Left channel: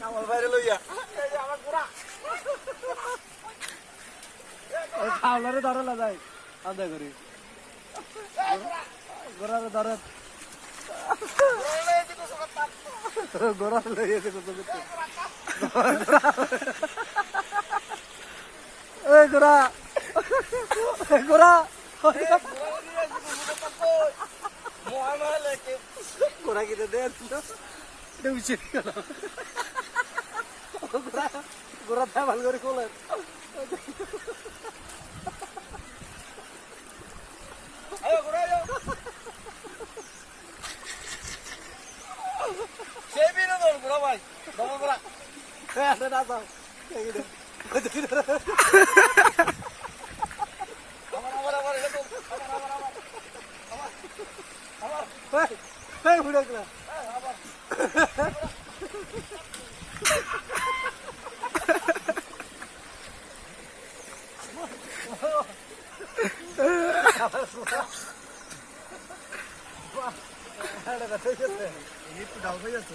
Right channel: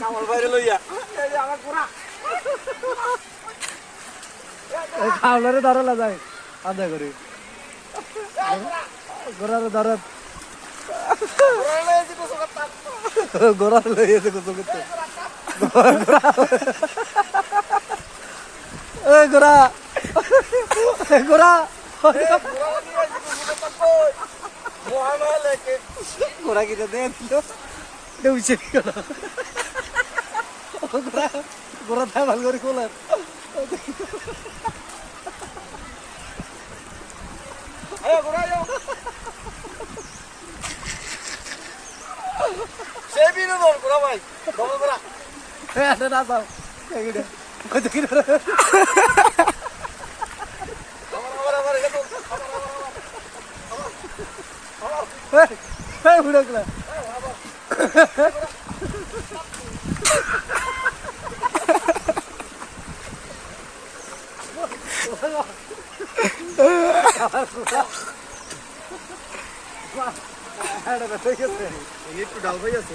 কামাল বাইরে লইয়া এই যে আমার পুরা খাওয়ারে ধরলা যায় আদা করে গোড়ার ধরত গোড়ার লইয়েছে কত কত এ গোড়া গোড়া গোড়া কিনে দেন দেউছে গোড়া গোড়া থাই ভালো করে খোলেন ভাই না যাও উড়ে একটু ডাল ভাই আছে